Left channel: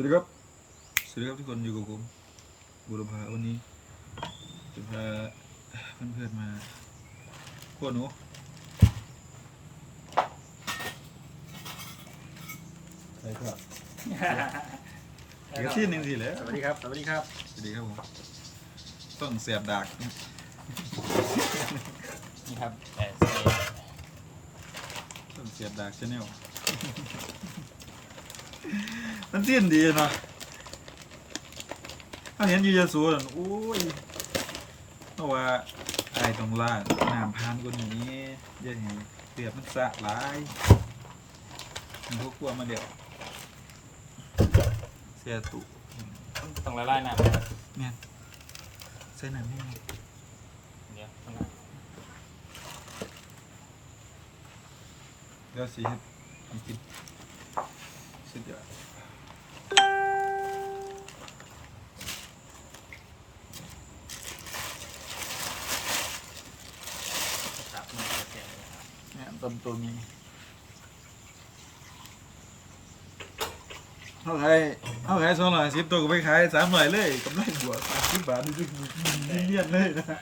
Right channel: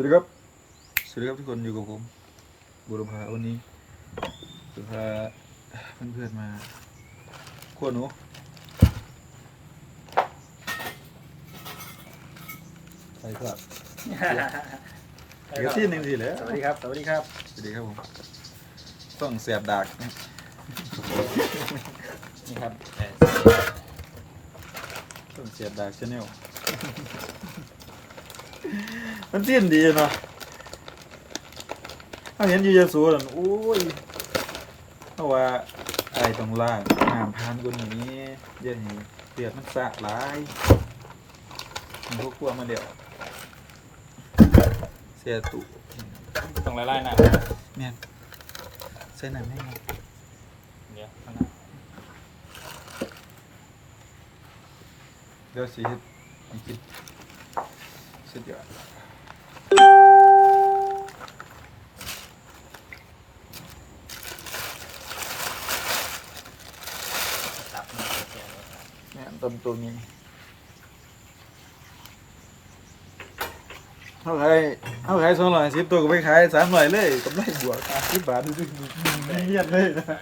วัสดีครับ สวัสดีครับทุกคนอยู่กับผมบุรพาวันนี้จะพาเพื่อนๆมาขั้วหนูใช่ครับเดี๋ยวที่หนึ่งสิแหล้วสวัสดีครับ สวัสดีครับ สวัสดีครับผม ต้องแสบดากนะนี่ครับต้องแสบดากชาแนล มันสิ้นดีเนาะถ้าเห็นอยูเยซูนั่นโอ้ยเพราะว่าอะไรตรงล่างน้ำพานคนนี้เยังนี้เปียกมันสะหลายมันพวกพวกมาเดี๋ยวเสียตุต้องไล่ๆนะเนี่ยใส่หนังให้ไงเดี๋ยวข้างนอกเดี๋ยวสีเฮ็ดให้กิน สุดยอดตับมาแก่ๆเลยเนี่ยต้นตัวนี้เขาขายเขาขายสองร้อยสิบตัวก็ไปขายสามร้อยเลยกำไรบวกสามสิบบาทดูดิเงียบเลยนะ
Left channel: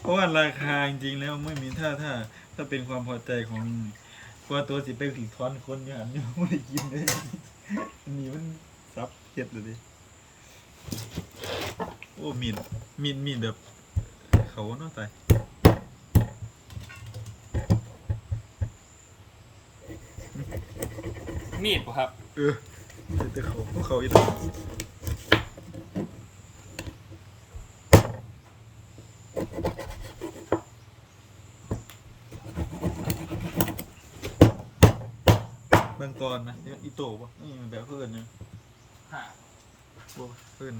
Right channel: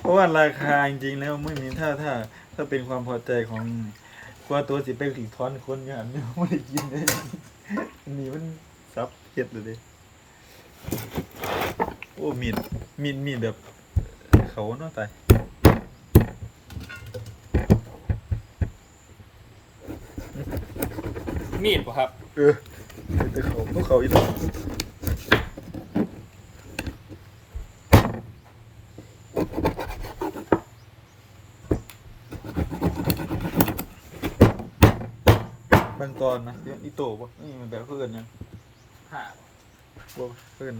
เพราะว่าราคาจริงๆแล้วไม่มีถ้าถ้าถ้าเป็นความพอใจของ กว่าตัวสิไปถึงทอนคนอย่างนี้ไม่ได้กินเลยอันนี้มันซับเก็ดเลยดิโอ้มีดมีดมีดแบบเขาเนาะตายมีดป่ะครับ เออแต่เขาพวกเขาอีก แล้วบางตอนนะที่มันอีโต้ปะนี่มันแบบเพื่อนยังผ่าบ่เพื่อน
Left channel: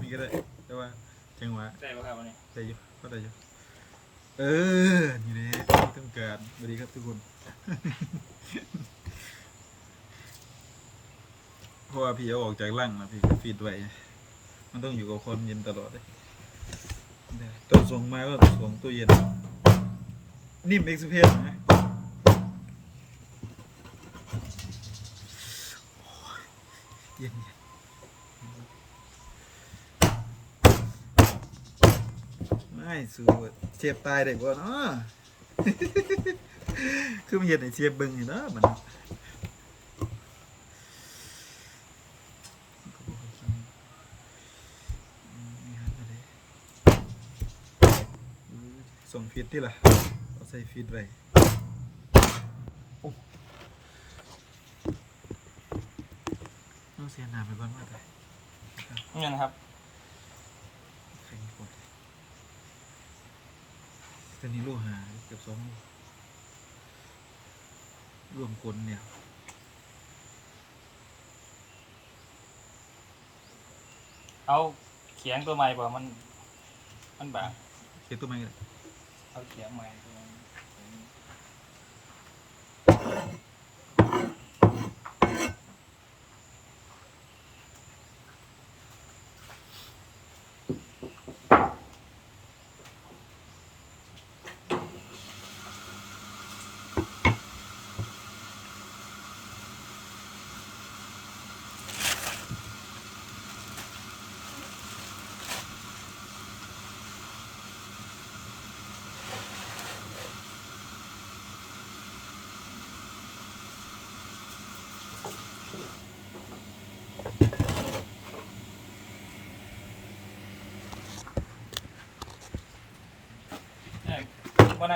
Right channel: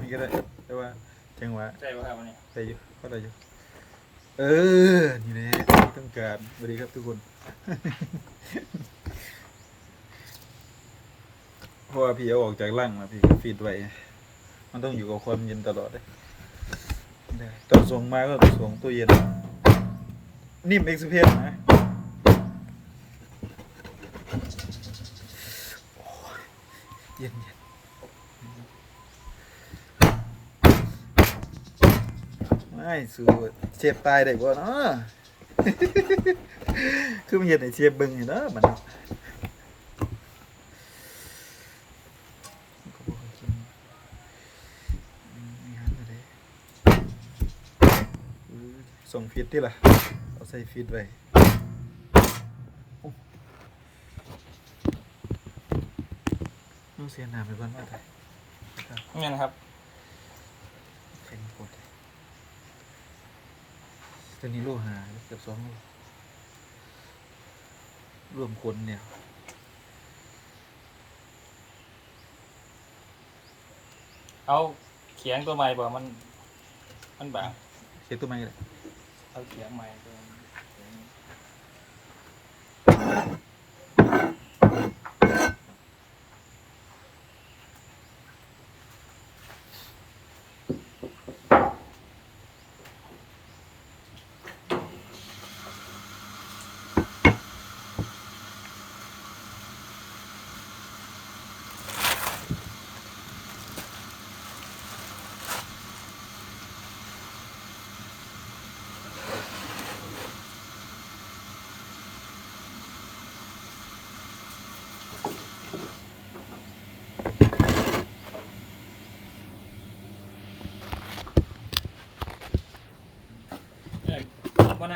นี่ก็ได้แต่ว่าจังหวะใช่ป่ะครับวันนี้ได้อยู่ก็ได้อยู่เออ นี่แหละที่ต้องการสวัสดีครับทุกคน เพราะว่าพี่เอาออ กจากร่างมาพี่ฟีดไว้ มันต้องอยู่กับความเย็นตลอดเลยตอนส่งมาก็ส่งตู้เย็น นิ่มเอ็กซ์เพสนะโอ้ยเย็นไม่สูดเสียบตายได้บ่เนาะคือมันเห็นไอ้เสียบเบิ่งอยู่เนาะมัน ส่งฟีด ที่ล่ะ เอาใส่ฟีดไว้ต้องเสียหนาไปก่อนว่าแต่นี่นะครับ เป็นกดตัวนี้โลหะเกือบสองโลรวมคนเนี่ยเอาเขียงตัวใหม่ป่ะมัน มันบางเช็คตัวไม้กันเลย เขาเขียงใหม่ตัวนี้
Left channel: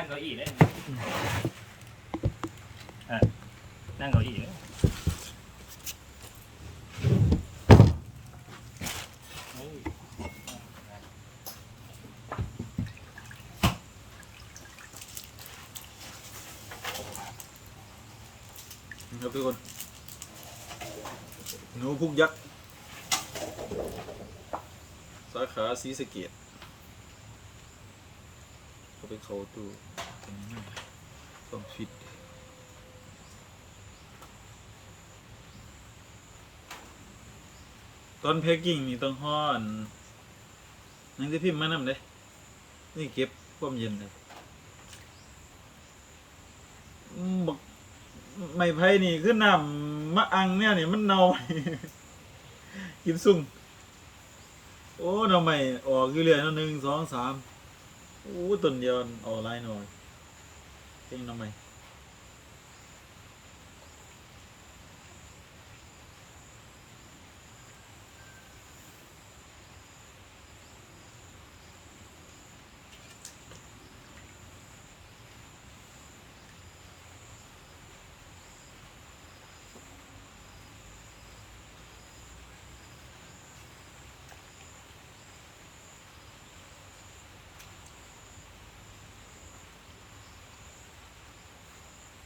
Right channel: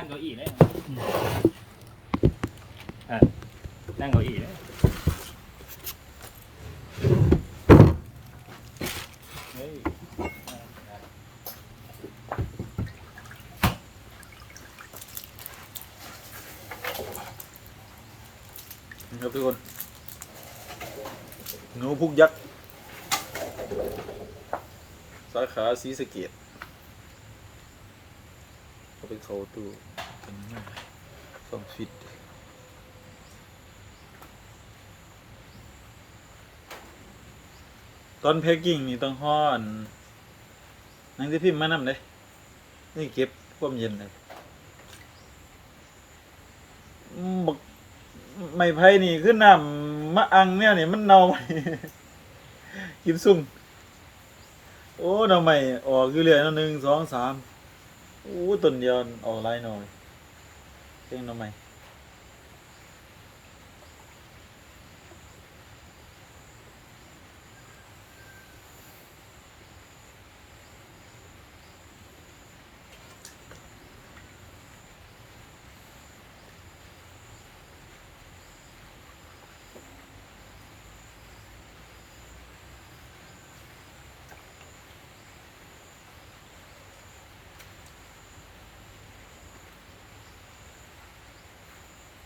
เก้าอี้เลยเออนั่งเก้าอี้เลยเฮ้ครับทุกคนหนูพุกยักษ์สาขาสีสะเกตเขาไปเขาตู้ กันนั่นต้องฟิตตอนแพ็กกิ้งนี่ต้องห่อนนังที่พิมพ์มานำเลยนี่เก็บความเย็นเลยบักไม่ไผ่นี่คือน้ำมะอังเนี่ยนี่มันเน่ากินซุ่มโอ้หน่อใหม่ออกอยู่เรื่อยนหนึ่งสองสามโอ้ต้นเดียวออกหลายหน่อย เพ่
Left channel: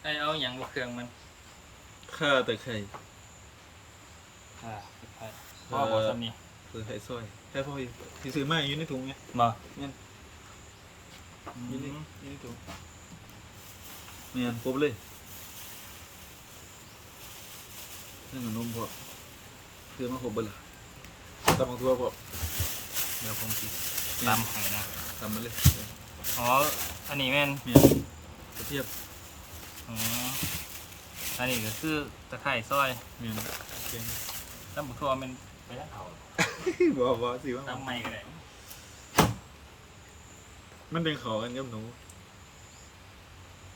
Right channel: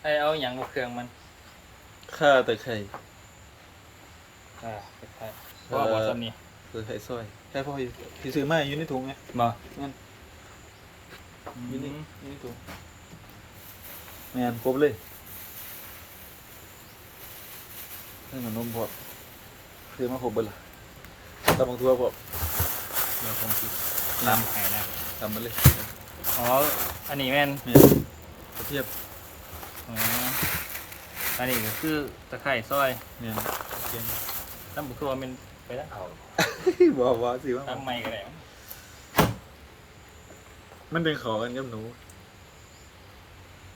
ไอเอาอย่างบวกเครื่องมันข้าตะไคร้เออใช่ก็บอสนี่คือไข่ซอยใช่พ่ออยู่ที่ซื้อมาอยู่ในถุงไงมานั่นอือยู่ในมอยู่ในถุงงานครบเลยให้มันนมพอซื้อมาครบเบิดละตำบักทั่วพอเดี๋ยวผมสิตามหายนะทำมาเลยอ๋ออันนี้แม่นเนี่ยกระเทียบ อ๋ออันนี้ก็คือตะไคร้ซอยเนี่ยเทียมน้ำบุตัวมันไปทั้งเขาบอกว่าสิว่าทำไมกันแหละมันเป็นเขอกันกับหนู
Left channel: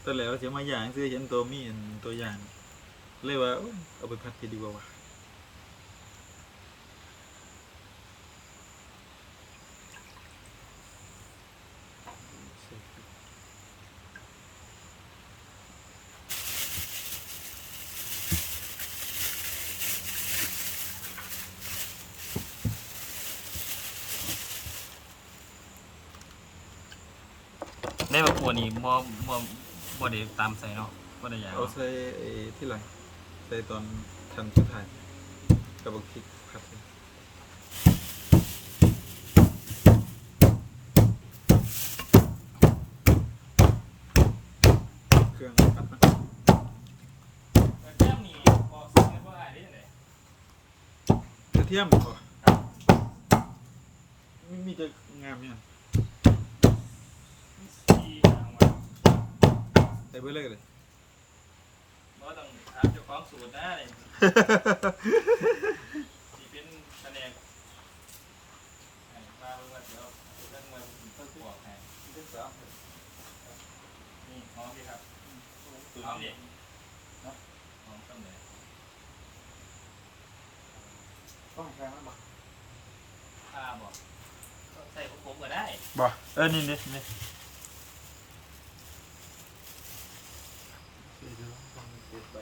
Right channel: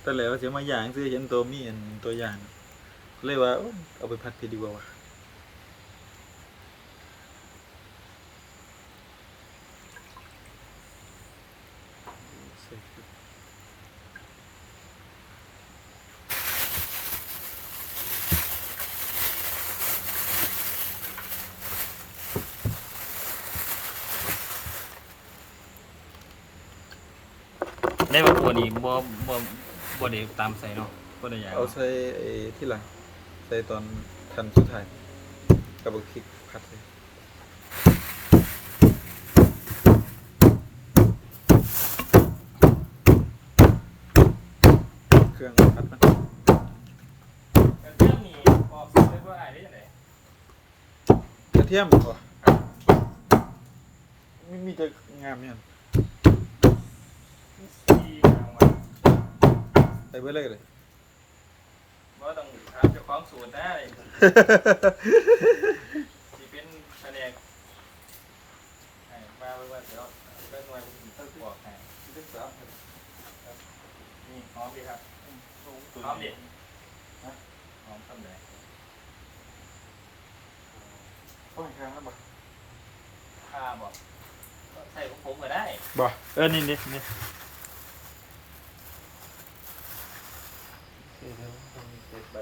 แต่แล้วเสียมาอย่างซื้อเห็นตัวมีอันตัวอย่าง เลยว่าโอ๊ยเอาไปพัดไปดีกว่าวะใส่พริก ได้ว่าตัวนี้บ่บ่บ่ได้ตามใส่เนาะบ่ได้อย่างเอาใส่ไอ้ที่หลังใส่ตอนทันสุดท้ายกับบักพริกผัดเลยเครื่องผัดมันแต่เรื่องนี้ออกสิ่งได้บ่ได้ได้จังได๋กระเทียมบ่ไม่มีแต่งามเนี่ย ที่หางว่า ใส่ เบิดเลยเลยบ่าต้องถามเจ้าของสูตรนะเลยสิเป็นแผนกให้มาเบิ่งว่าเดี๋ยวเบิ่งว่าเพิ่นบอกให้ครับนี่หอมดีครับหอมดิฮะหอมซ้ำใดเข้าแข่งแล้วบ่ข้าบ่ใส่ของผมก็ได้บ่เออนี่นี่นี่ เศษใบ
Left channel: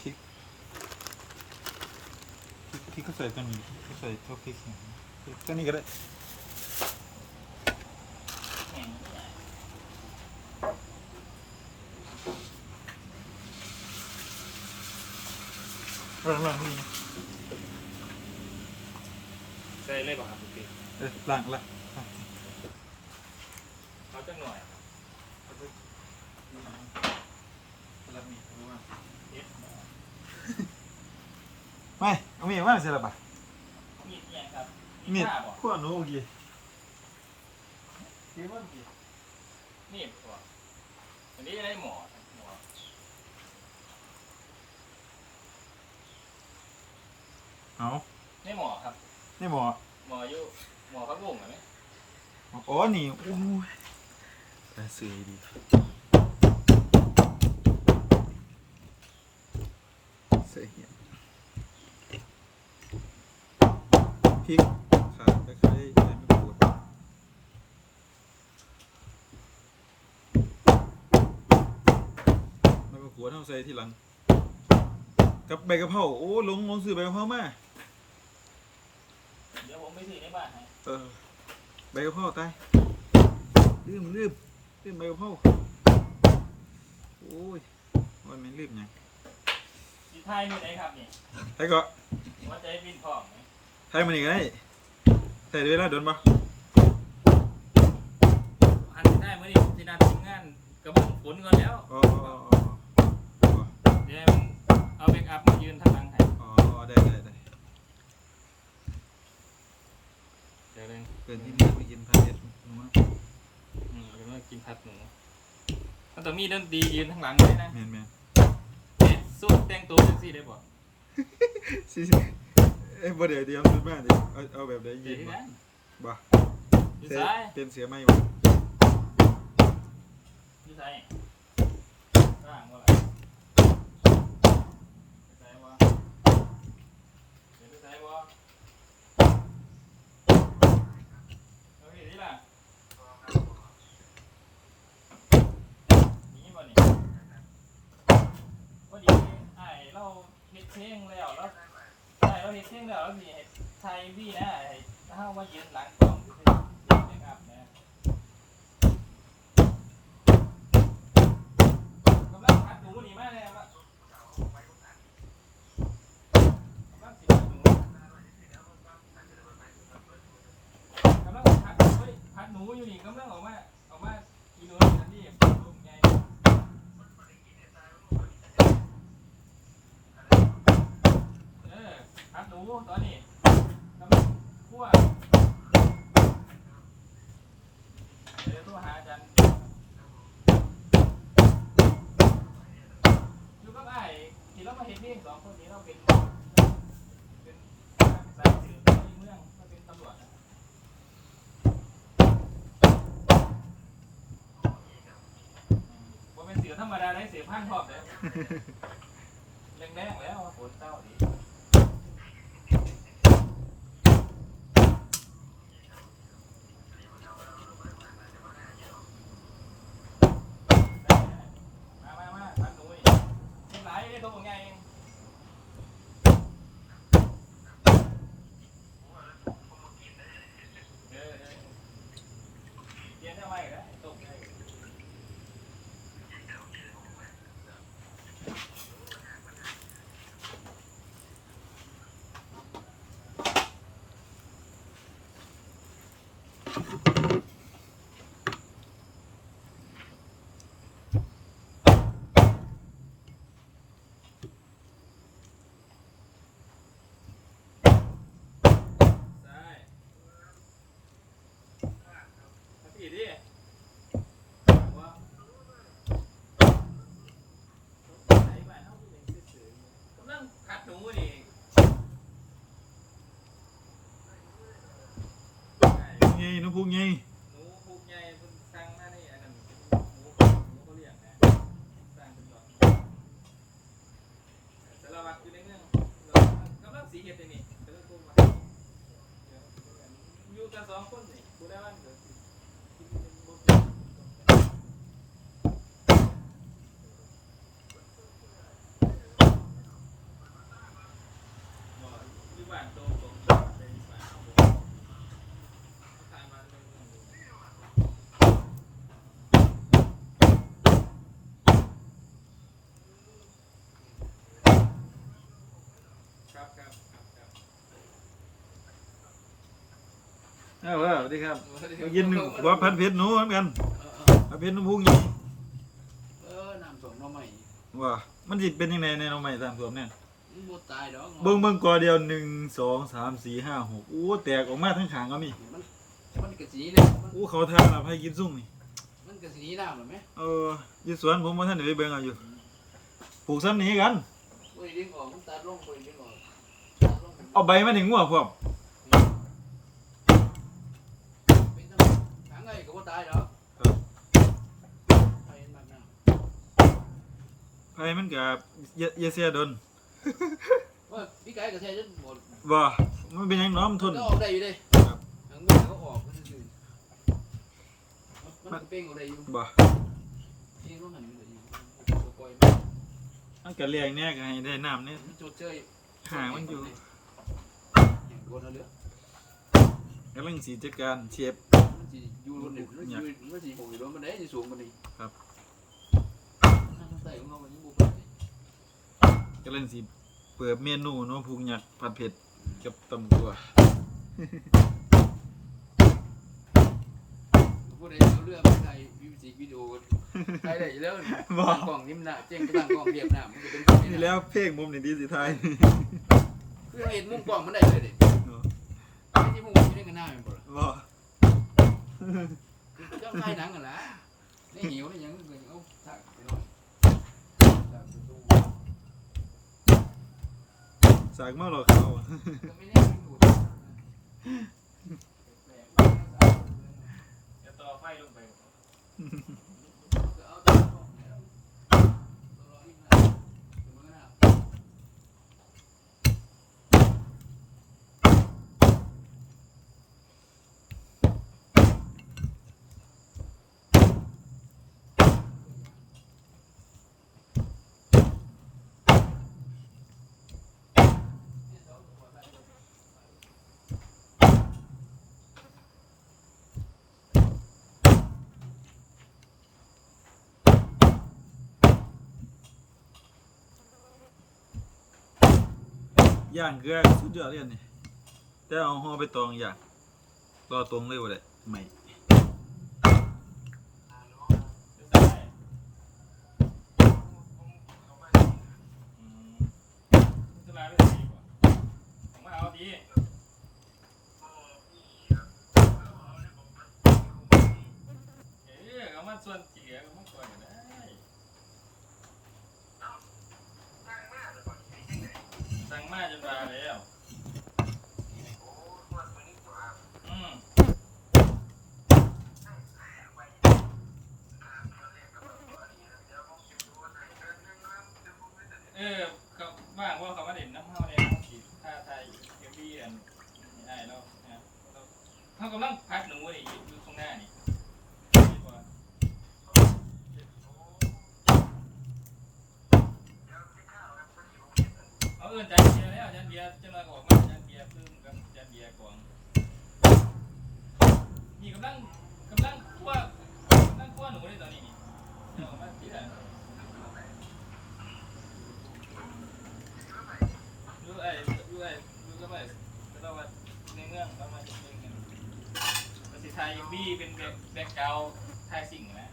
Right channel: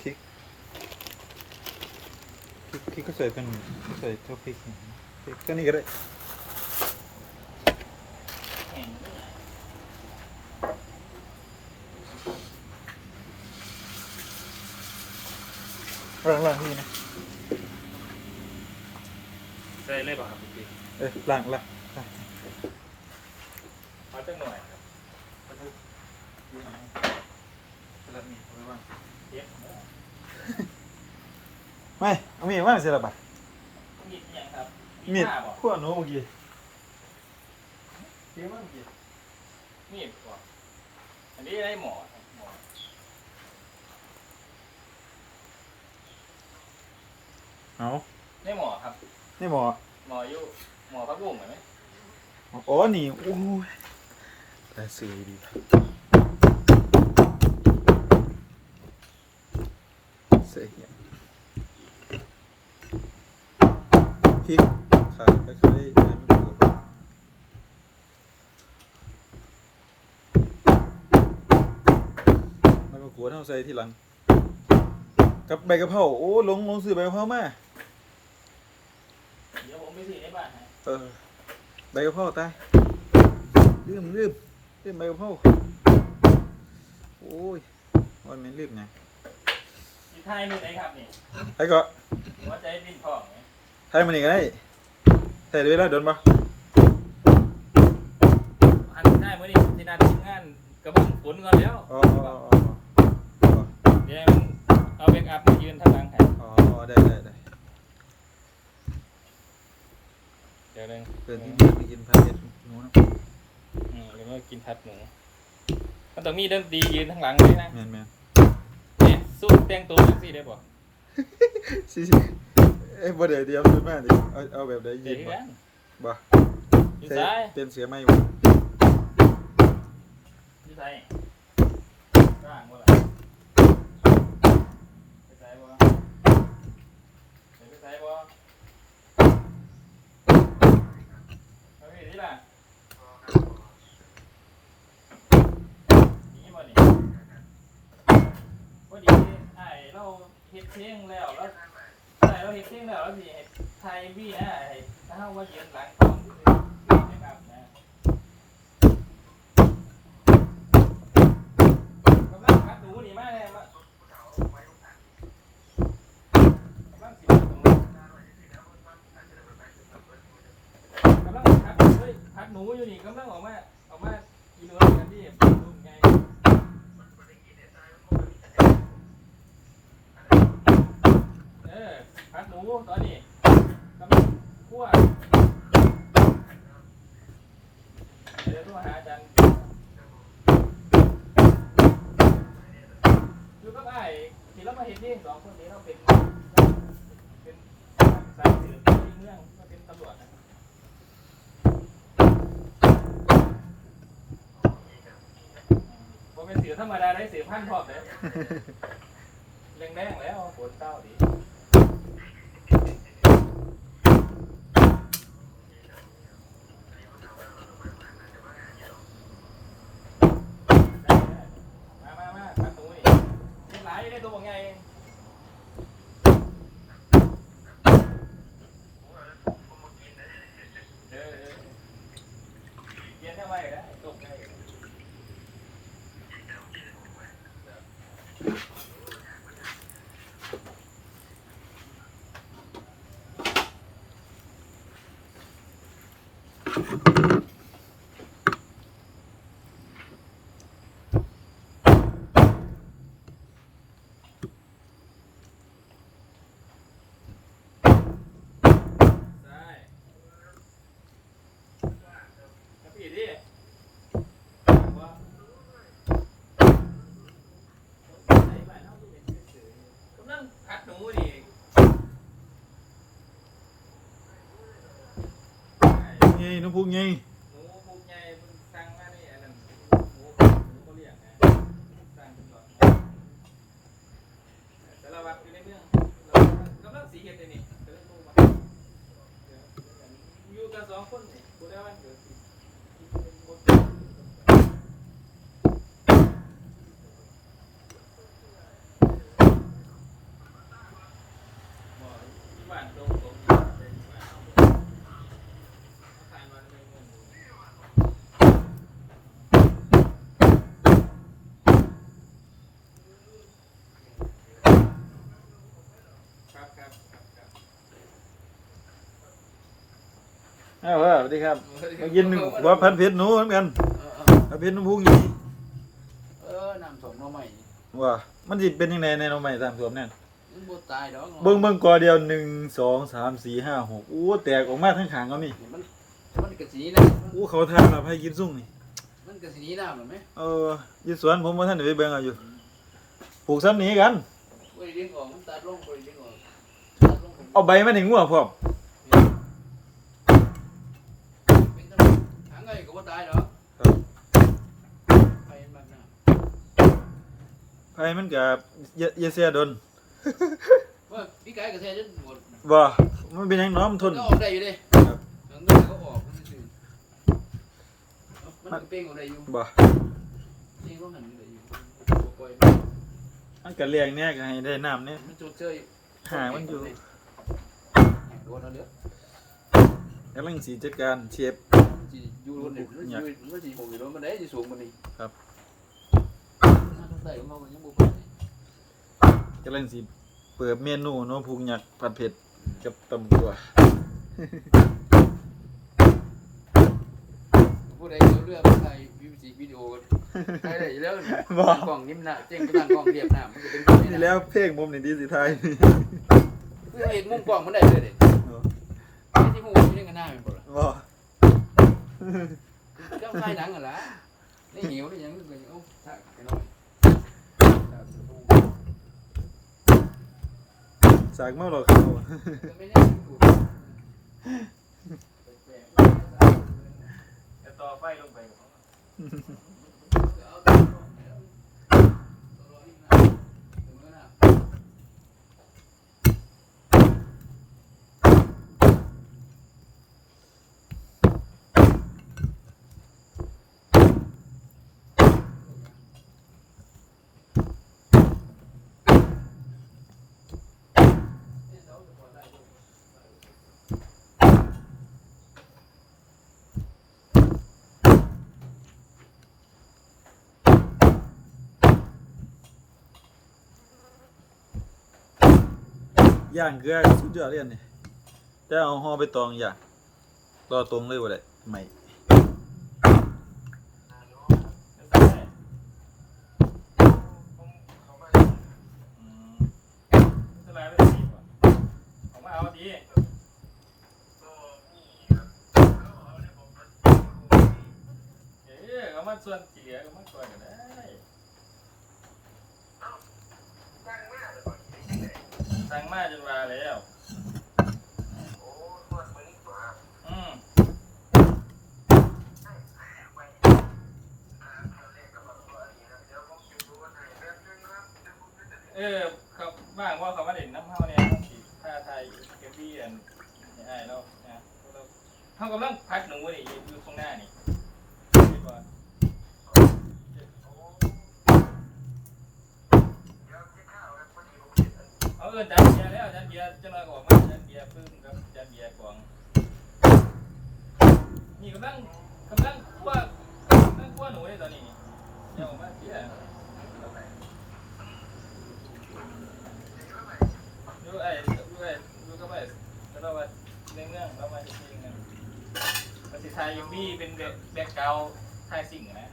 พริกพริกพริกก็ใส่เป็นใส่ทั่วพริกพริกก็นี่ก็ได้ล่างล่างนี่นะ ใส่เลยป่ะครับพี่ เอ้ยล่างล่างเอาจังหน่อยแล้วมีเอาไว้ว่างเอ็ดไม่เอามีว่างเสร็จแล้วปะมีดอิหยังครับมีดผ้าบ่ขั้วหนูเมื่อกี้เดี๋ยวเมื่อกี้มีดบ่อันนี้ได้หมอหมอเอาได้หมอครับนี่หมอหมออยู่ หมอพักบุ้งเหรอไหมอ๋อนี่โอ้ยแต่สื่อดีเสร็จเนี่ยพริกขาตะไคร้ใบมะกรูดใบมะกรูดต้องใส่ทีหลังกับใบกะเพราโอ้ลงลงซื้อใบกะเพรามา เดี๋ยวผมไปซื้อในบ้านให้ เออใบกะเพราตายลืมลืมลืมใบกะเพราโอ้ยวันนี้ลืมไงที่ไทยมือไหนครับนี่ไอ้ก็หัวใจปิ้นทองไหมไทยมันอีกไงใส่เวลาโดนปะอันได้เมื่อนี้ที่นัดทีมงานกกระเบื้องฝนก่อนแล้วอ๋ออ๋ออ๋ออ๋อเดี๋ยวมันเอาแบ็กอัพมายืนทางหลังให้อ๋ออ๋อได้ได้ได้ เดี๋ยวหนึงเกินที่นี่ไม่กินพาเด็ดหนูนะอืมแล้วก็กินทัดหนูมันต้องมีดนตรียืนทางหลังเลยนะแมนแมนเนี่ยสู้แต่งตัวจังซี่ได้บ่สิสิเอ้ยบ่เดี๋ยวเดี๋ยวสุดมากดิเอาเอาแบบใดเดี๋ยิยวนที่บ่นั้นบ่อยู่เตะซ้ายเป็นเสียไม่บ่อยู่ซ้ายข้างบ่ล่ะไปซ้ายบ่เดี๋ยวไปซ้ายบ่ เอาไปที่ล่ะนี่บ่นี่พอดีไอ้เราเฮ็ดเพลงแล้วแล้วไอ้เราเฮ็ดเพลงแล้วแล้วสิให้ไทยวีนะไอ้ถ้าเฮามายืนหลังฟังคือสินะครับนะกำลังคัดหนูนี่มาเลยว่ากำลังสิมาตรงนี้กำลังคัดหนูเว้ยคัด หนูอยู่นี่กำลังออกมาออกมากินหนูกันที่หนูไงเออคัดหนูตอนนี้กำลังคั่วเดี๋ยวโทรหาอาจารย์คือก็ได้ที่เรามาเห็นนี่สองคนนี้เราเป็นเป็นสายสืบในเมือง เป็นสือธรรมดาได้สือพันพร้อมเลยแรงแรงๆแล้วโหดเต้าดีมามามาพันหนูนี่เป็นหลายได้ตัวบอกไงเอง เออเออเย็นทำไมได้ตกได้ใช่มาพี่ดิว่ากำลังกัดหนูดิ ไงน้องพุงไง หนูพวกใหญ่เพิ่นสั่งมานี่อันนั้นหมูหนูก็เรียกนะสั่งเป็นหลอดสารวัตรอยู่ในเมืองเรากำลังสีเฮ็ดเลยนี่จะได้โทรมาเดี๋ยวอยู่กันสองคนนี่บ่ได้วันเกิดสิกินกันบ่เป็นบ่ที่บ้านตรงตรงไปที่บ้านเอาผ่านมาในเมืองดู ครับครับครับครับ อ้าวว่าสวัสดีครับมากินหัวพันเพชรหนูเหมือนกันเออพันเพชรน้องพุงไงเออน้ำสมน้องใหม่ว่ามันสิเป็นยังไงในน้องใหม่ตามสวมเนี่ยมันบ่ตายดอกเบิ่งเบิ่งกอเดียวหนึ่งสองสามสี่ห้าหกอู้แตกออกมาทั้งขางก็มีนี่มันมันกระสีนะมันอู้เขาทานแบบให้กินซุ่งนี่มันกระสีน้ำหรือไหมเอออยู่สวนผมว่าท่านได้ไปเบิ่งเอาอยู่ปลูกซ้ำนี้กันบริเวณออกมันตัดลงบริเวณออกตัดลงเอาใบมันถึงงัวพร้อม เป็นทั้งหางไงก็บ่ตายดอกไปมันน่ะ ไผมันกับเยเยเสียดนว่าพี่ไก่กระแทกจนหมดบ่มันเป็นหยังน้อมนทน ก็ออกได้อยู่เด้ครับหางเงินก็ออกมันซื่อมันก็เป้งออกได้อยู่บ่นี่ว่ามันได้อยู่ปล่อยมันก็เลี้ยงแน่ก็ให้ได้น้ำเนี่ยมันจดเจยหามันอยู่โดนเอาเหลือกำลังสีจัดการเชฟมันสิอยู่บนนี่มันสิอยู่มันสิผมอยู่บนบันไดสิสูงกว่านี้ครับ อ่าทางใต้ของเรามันยังบ่ปานใดกำลังสีเปิดเมนูเนาะพุงหยักผัดเผ็ดกับตำกัวผู้ใดเอาเรือมาถ่ายมิวสิกวิดีโอถ่ายได้อยู่แล้วนี่บ่ตั้งกล้องนิ่มหน้าเจ๊งก็ตั้งกล้องเรียบหน้ามันก็เป็นกล้องนี่แล้วเพลงมุมนี่ดีสิไทยเพื่อเห็นมุมกล้องมันได้เลยเด็ไม่ที่มุมมันเรื่องกันหน้ามันบ่ล่ะบ่เจ้าถ่ายหนังกันล่ะนี่หิวนี่ยังเป็นเอาถ่ายไปหน่อยถ่ายไปดู สากเมาหรอกเขาจะต่อไฟลงไปก่อน เอาไปเอารออีกนะถึงแล้วนะ ย่างเกลือสุดยอดเลยอันนี่แต่เอาห่อไปตองอย่างรอตรงเลยว่าได้ใหม่ส่ว่าของมาเอาดีเอ๊ะเอามาส่วนก็มาก่อนก็ได้ สั่งมาจนมาแล้วอืมเออครับว่างว่าเขามาเด่นน้ำเฮาเนี่ยสิท่าไทยเกมบี้อันนี่ไอ้เนาะนะเราเฮากำลังพักหนูนี่อยู่ตรงหน้านี่เดี๋ยวก่อนเอาเอินจานเบียร์แล้วจานเบียร์จะน้อยออกมาจานเบียร์พึ่งกับจานเบียร์กวางนี่กำลังกำลังคั่วกำลังคั่วหนูเลยตอนนี้นี่เดี๋ยวออกมาเบียร์ดูไอ้ดูไอ้ดูก็ไปก็ต้องว่าในเมืองเรามาจริงๆกันภาษีไทยยังมีเป็นแบ็คแบ็คกราไทยสิ่งนะ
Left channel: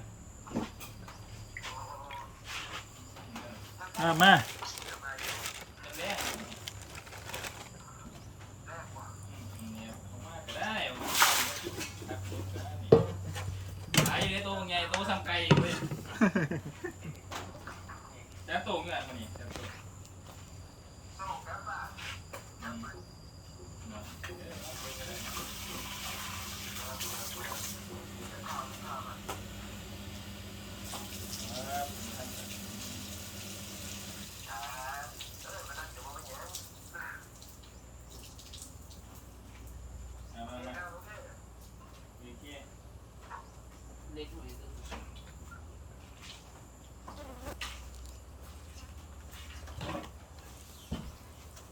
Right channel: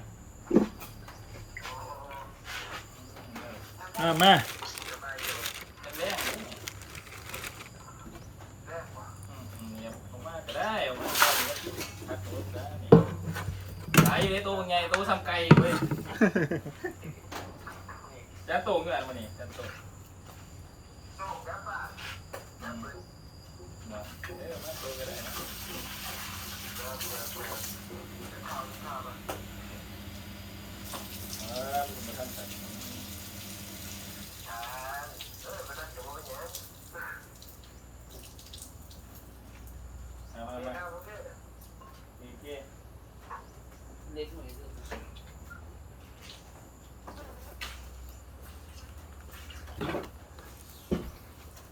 อ่ามา เป็นแรกอืมอืมเนี่ยผมมาก็ได้ผมมาก็ได้พักรถ ได้นี่หลายอยู่ในตัวไงตัวซ้ำไก่เว้ยจะโตเมื่อไหร่วันนี้จะโตอืมเนาะเออมาโตก็ได้นะเออมาทำกัน มามามาอีกที เล็กหน่อยเด้อ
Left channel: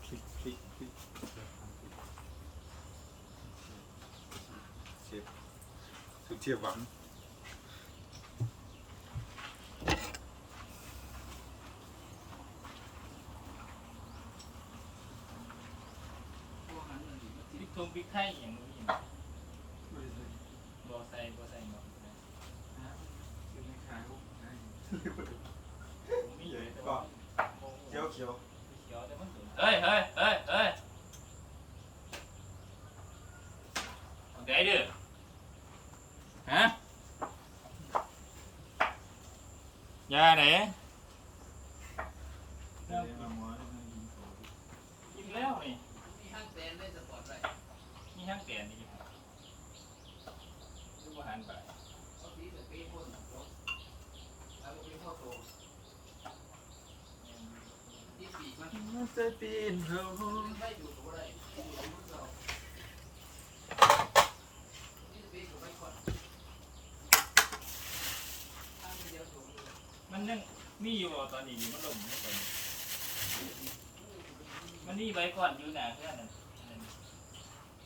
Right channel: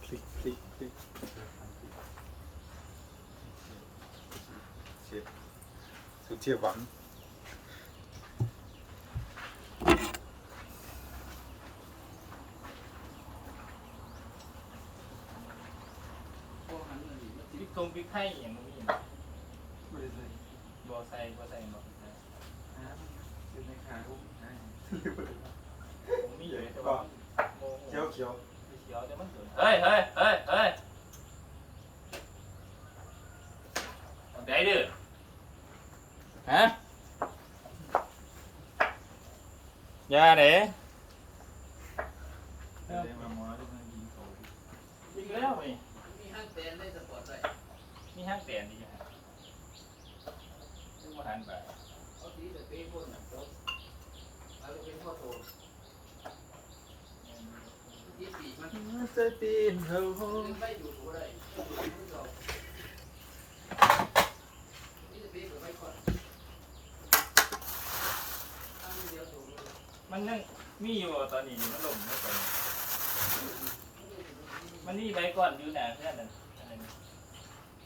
คลิกคลิกคลิกเชฟสุด เทียบหวังโอ้มันนี่มันพริกทงพริกไทยอย่างนี้ไม่ได้ใส่บัวใส่บัวใส่บัวใส่เป็นในขายผมผมมีอยู่แต่ว่าเขียวเขียวเขียวแต่มันสวยเฮ้ยเฮ้ยเฮ้ยเฮ้ยโอเคดื้อฮะ ยาเด้อได้มายิงเขาที่ยิงแล้วนี่มีห้างแตนได้สปอร์ตเลยมีห้างเตียนดีครับดูหันไปเอาสีแต่เป็นคนจบเอาไปเป็นพ่อโตที่ปีกมันใจปีนเขาไม่อยู่ตัวอะไรไม่อยู่ตัวเรานี่จะเป็นตัวไม่ก่อนเดียวตัว มันยังมีอยู่ตอนนี้มันหล่มไม่เป็นมันมีใบก่อนอยู่หนาเพื่อนนั่นอันนั้น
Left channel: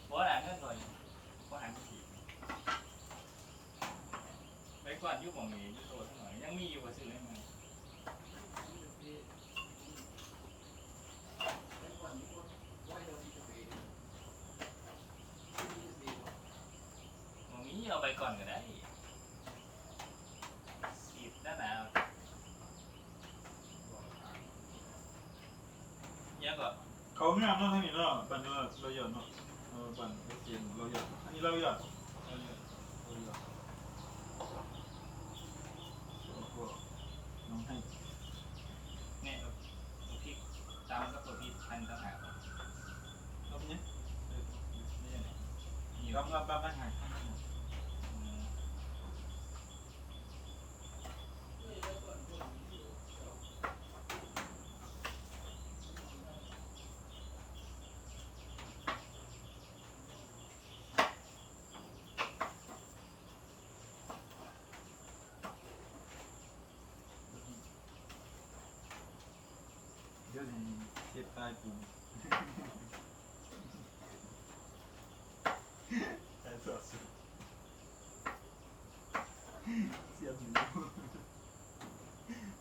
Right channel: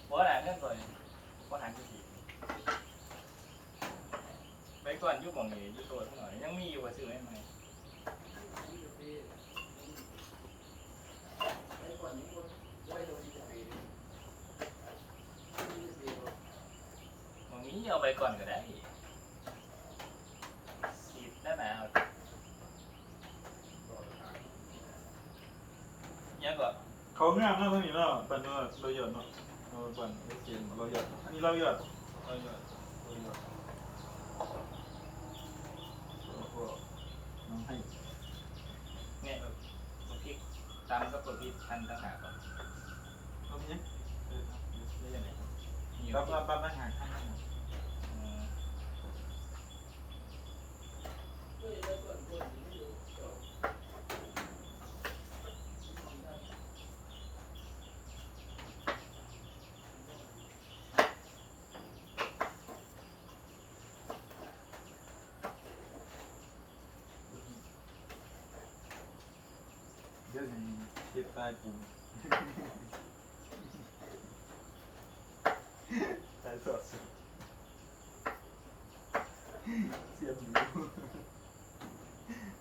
บ่หนาเพื่อนก่อนบ่หันไปสิใบก่อนอยู่บ่องนี้อยู่ตัวเท่าหน่อยยังมีอยู่ว่าซื้อให้ไหมบ่มีเอาใบก่อนก็ได้ เขาง่ายมากเท่านี้เนาะเป็นเนาะเราหยอดเนาะเออเป็นกินเราหยอดอันนี้เราหยอดเราหยอด เดี๋ยวจะเก็บตายปูตายสดสุดเสียบหนู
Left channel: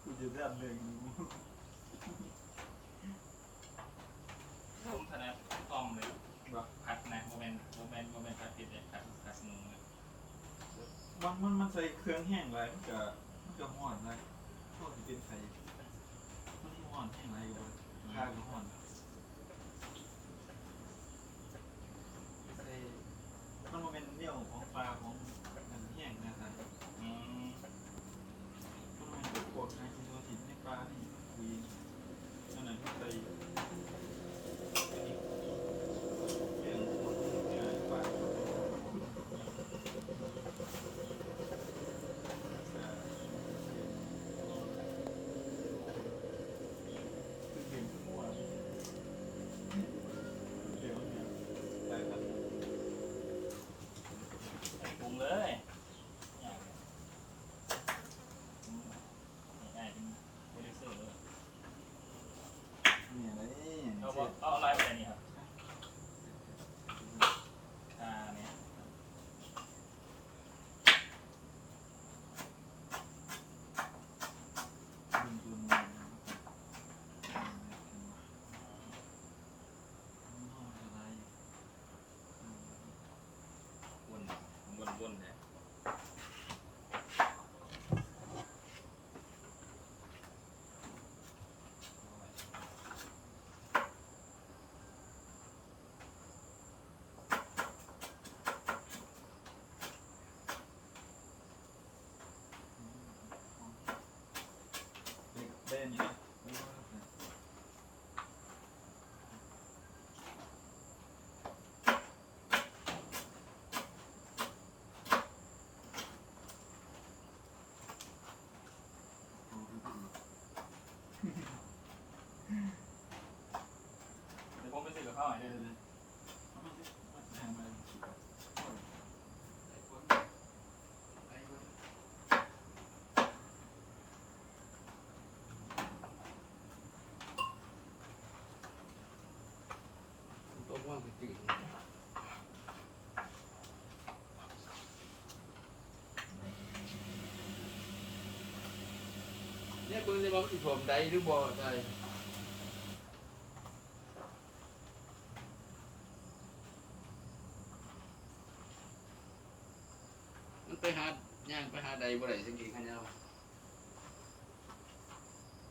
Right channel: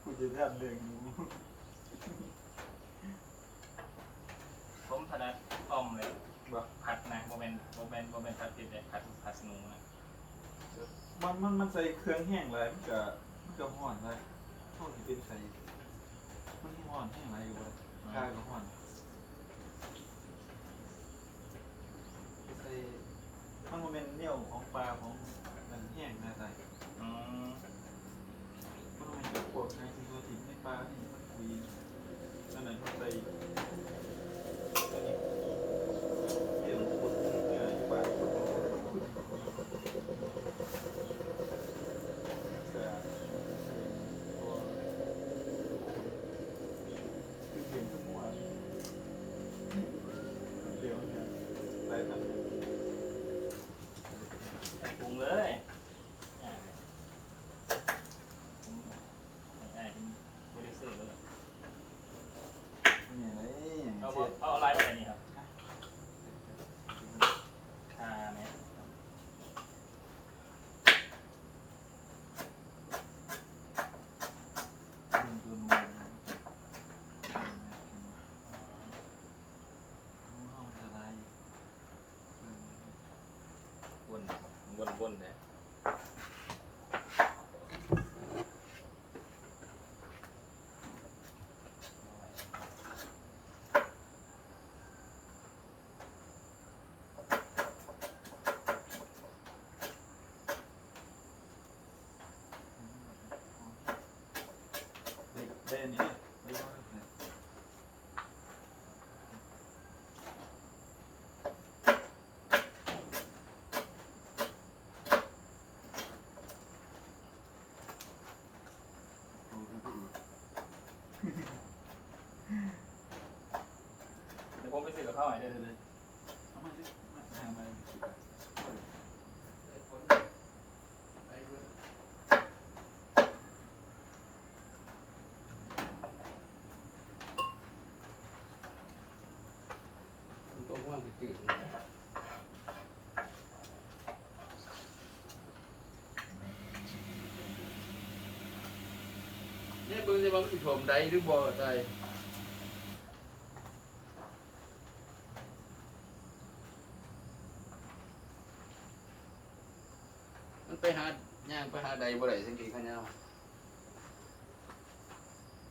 กูจะทันเรื่องหนูผมถนัดอ้อมเลยบ่ผัดนะโมเมนโมเมนโมเมนผัดติดเลยผัดผัดสนูนะมันมันมันใส่เครื่องแห้งหลยมันก็มันก็ห้อนเลยพวกที่เป็นใส่ อนแห้งหลายก็บ่ได้ข้าก็ห้อนใส่มันบ่แม่นเหนียวของปลาของมันแห้งนะใส่ อืม มันบ่แม่นแบบพวกไอ้ที่ตัวถิ่นในปลาที่มันคุยอันนั้นมันใส่อันนี้เรื่องคนเจอปลาแต่ เห็นทุกวันเดี๋ยวเนี่ยไปกัน ปรุงเลยง่ายเลยง่ายเป็นโปรดิวเซอร์เลย เนี่ยเลย เอา เจ็ด เอาไลน์ไปไหนนี่ครับอ่าเนี่ย มันตัวนูนนะนูนเอามันจะลายอยู่อืม วน วนวนไปเด็กได้อันนี้ไหมไม่รู้นะเอาดูดู เดี๋ยวผมไปซื้อกับข้าวหน่อยเดี๋เดี๋ยยวเลยเอามาสิมาหามาโอ้ยไอ้รุ่นตัวว่างก็จืดเนี่ยเบิ่งได้ว่ามันสิถ่วมใดหรือบ่ได้ ไปหาย่างไปหาใดบ่ได้สังเกตข้างหน้า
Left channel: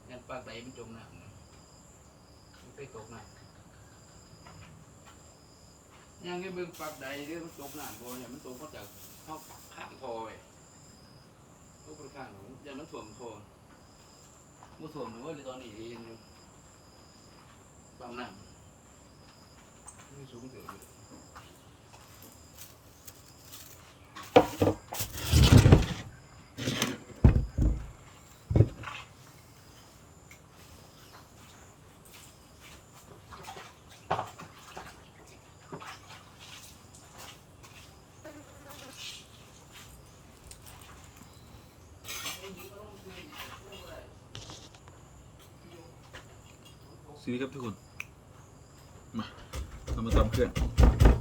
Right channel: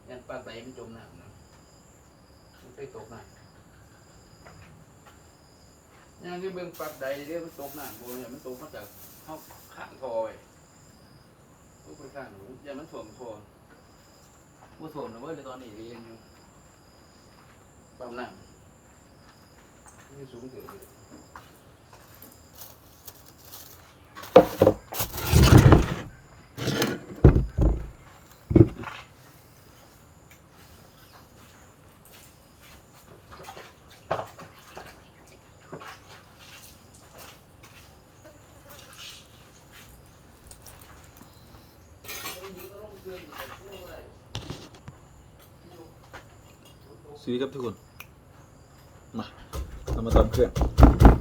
ยันปากใดมันจมน้ำนะมันไปตกน้ำย่างให้เบิ่งปากใดเดี๋ยวมันตกน้ำโอ้ยมันตกมาจากเฮาข้างทอไว้ตกไปข้างหนูอย่ามันถ่วมทอบ่ถ่วมนะเว้ยเดี๋ยตอนนี้เรียนอยู่ปั๊มน้ำนี่สูงเกิน ซีครับทุกคน มา เรามาตำเครื่อง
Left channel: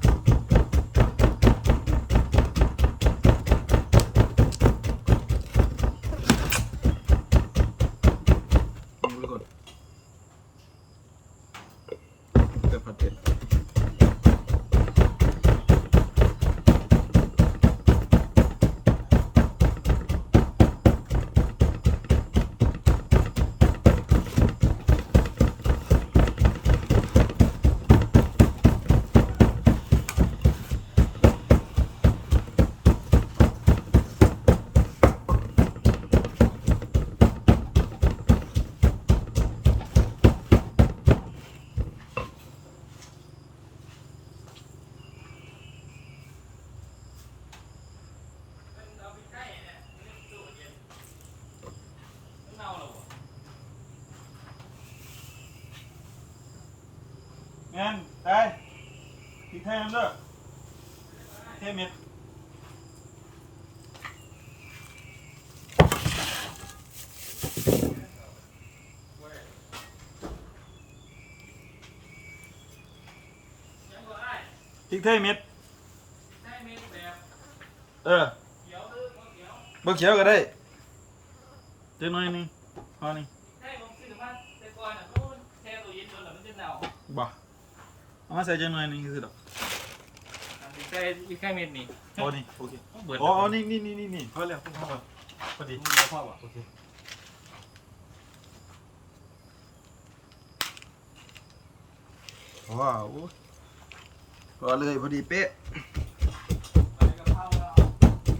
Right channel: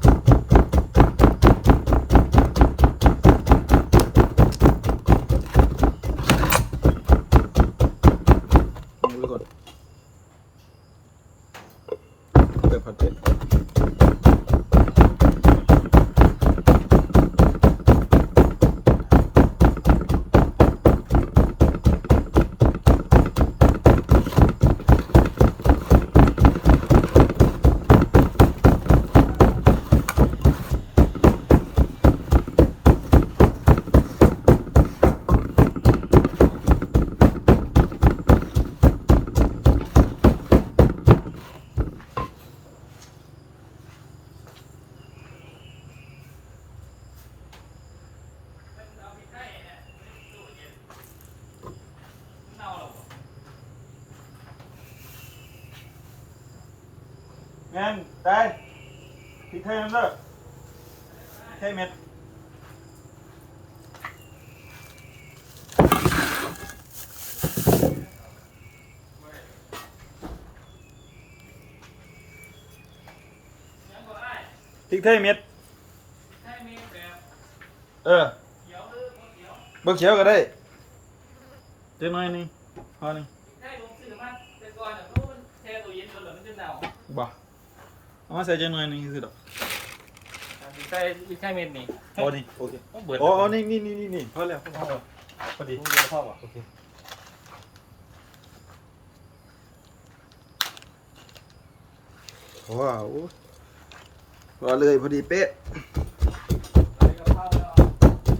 แมนได้พริกไทยน้ำเด้อใช่เม็ด อ้นี่โอเคโอ้เบิดโอ้โอ้นี่นี่นี่นี่นี่พอแล้วพอแล้วพอดีเดียวพอป่ะโอเคว้าวพอเลยพอดีเป๊ะ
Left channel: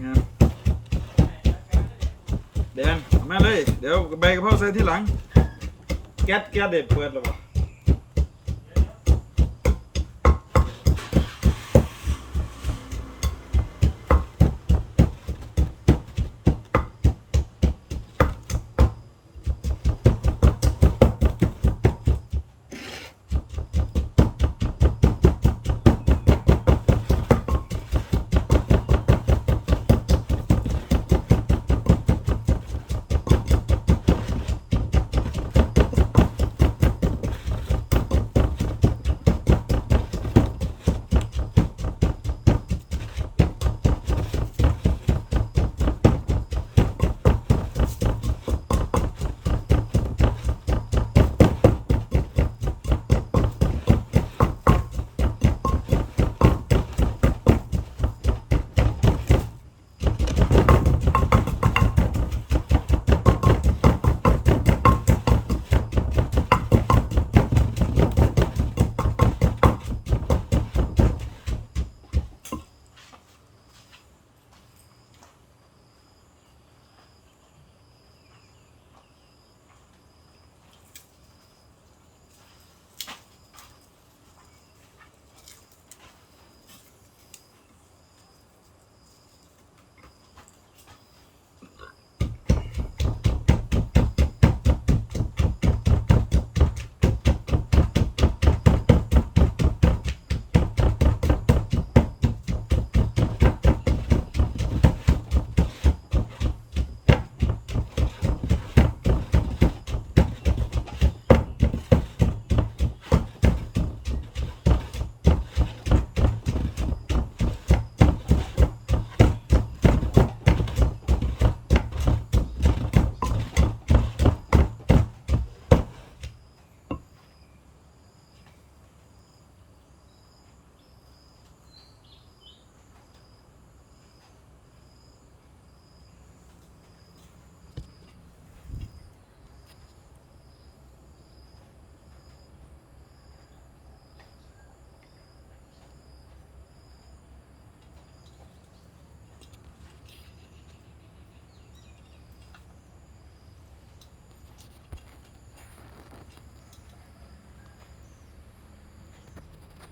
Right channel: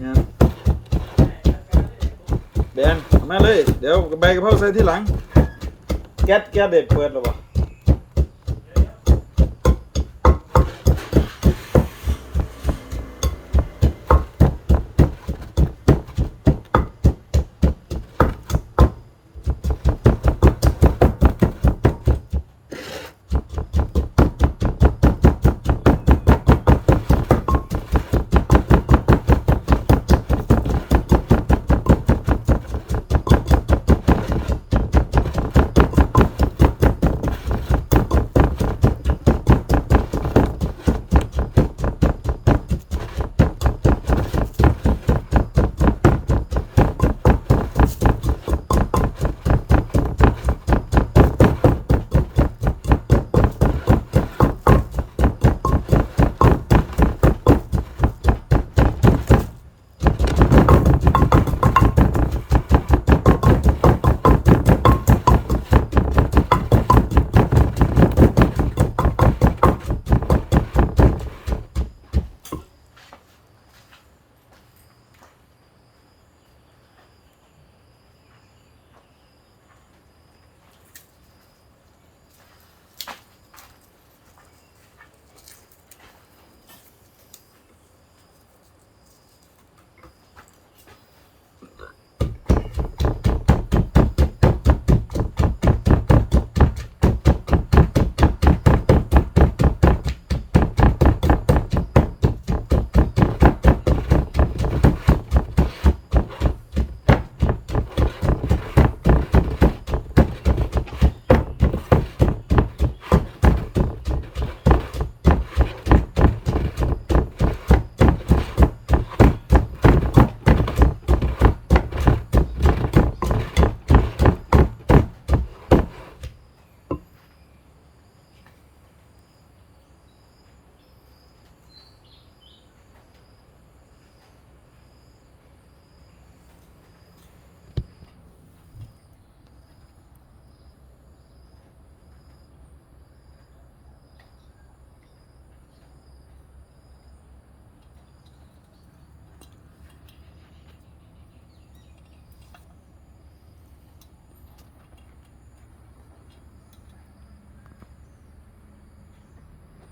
งามแบนเอามาเลย เดี๋ยวใบกระเพราใส่ที่หลัง แก๊สแก๊สเด็กเปิดหรอวะ